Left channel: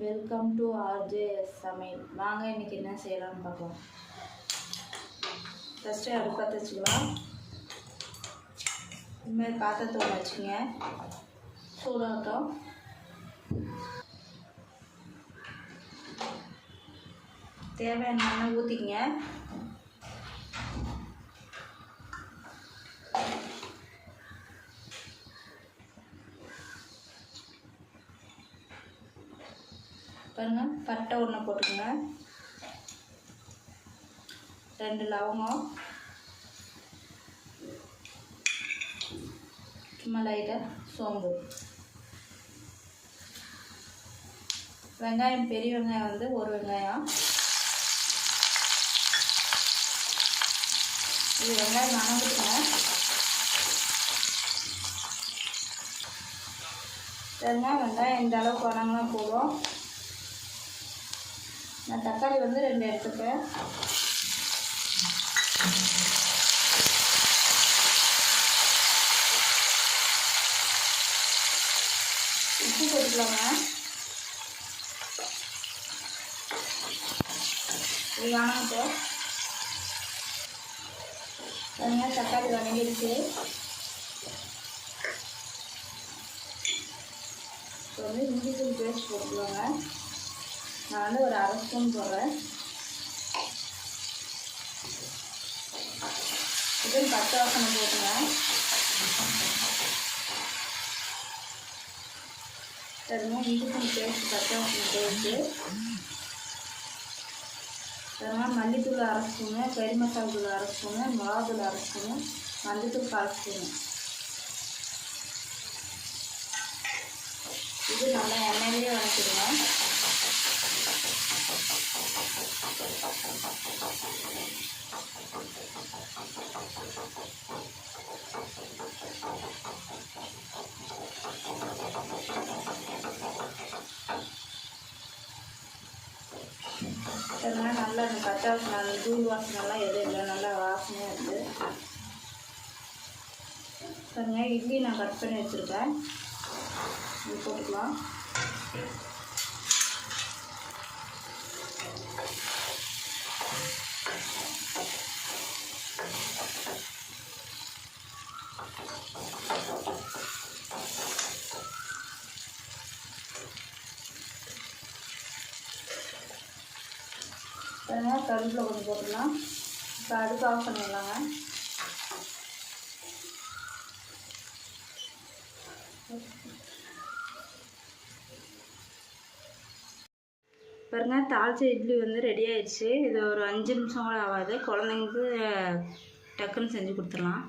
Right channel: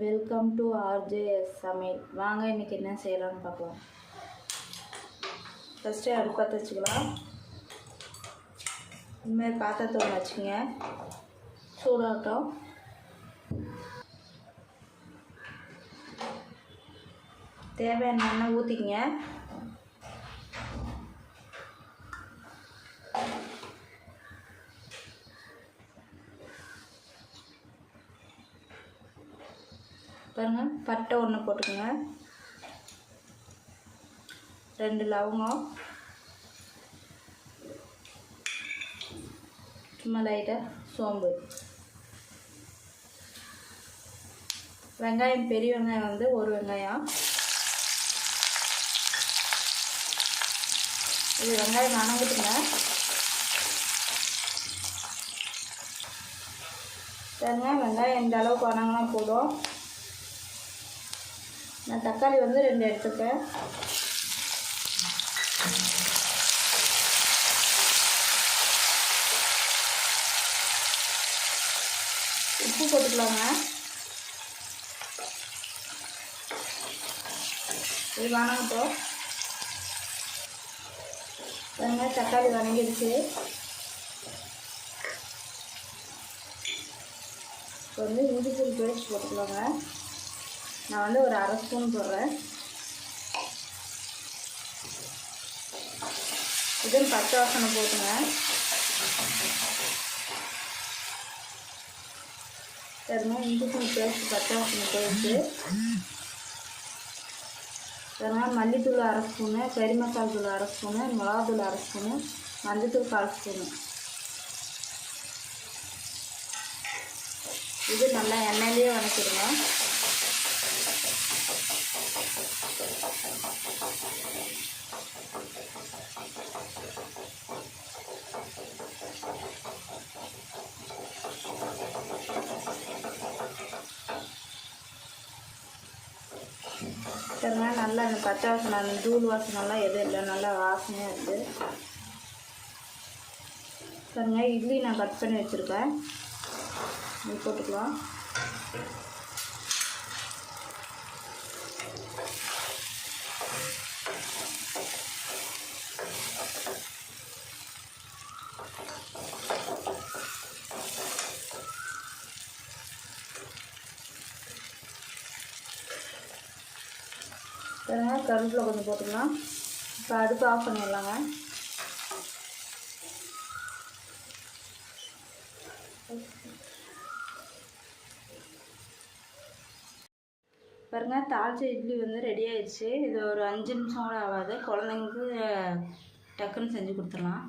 Welcome to RJ's சமையல் வாங்க இன்றைக்கி என்ன செய்யலாம்னு பார்க்கலாம் ஃபஸ்ட்டு அடுப்பு பற்ற வச்சுக்கலாம். இனிமேல் பாத்திரத்தை ஒன்று வச்சுங்க சூடாகட்டும். தேவையான எண்ணெய் ஊற்றிக்கங்க பாருங்கள் பட்டை ஒன்று போட்டுக்கோங்க. ரெண்டு லவங்கம். சும்மா லைட்டாக சோம்பு. வெங்காயம் பெரிய வெங்காயம் வந்து ஒரு வெங்காயம். இது வெங்காயம் வணங்கிட்டுங்க வெங்காயம் வெங்காயம் இந்த அளவுக்கு வணங்கினா போதும். நான் தக்காளி வந்து ரெண்டு எடுத்துப்பேன். உப்பு போட்டுக்கலாங்க இது வணங்கட்டும் வெங்காயம் தக்காளி வணங்கிடுச்சு இப்போ வந்து இஞ்சி தூள் பேஸ்ட் போட்டுக்கலாங்க. நான் வந்து ஒரு அரை ஸ்பூன் போடுறேன். இது பச்சை வாசனை போட்டுங்க. எதுவும் இஞ்சி பேஸ்ட் பச்சை வாசனை போயிட்டு இதெல்லாம் மல்லித்தூள் அரை ஸ்பூனு கறி மசாலா தூள் அரை ஸ்பூனு மிளகாத்தூள் அரை ஸ்பூனு மஞ்சத்தூள் கால் ஸ்பூனு. இது நல்லா எண்ணெயிலேயே மாதிரி நல்லா இந்த பச்சை வாசனை தூள் வாசனைலாம் எதுவும் இல்லை. நல்லா வாசனையாக இருக்குது பாருங்க இட்லி நான் கட் பண்ணி வச்சுருக்கேன். இது போட்டுக்கலாம். கருவேப்பிலை கொஞ்சம் போட்டுக்கலாம். இப்போ அடுப்பு ஆஃப் பண்ணிடலாங்க. பாருங்க தாளிச்ச இட்லி வந்து ரெடி ஆயிடுச்சு. இது ஒரு அஞ்சு நிமிஷம் கூட ஆகாது. குழந்தைங்களுக்கு டக்குன்னு செஞ்சு கொடுத்துடலாம்.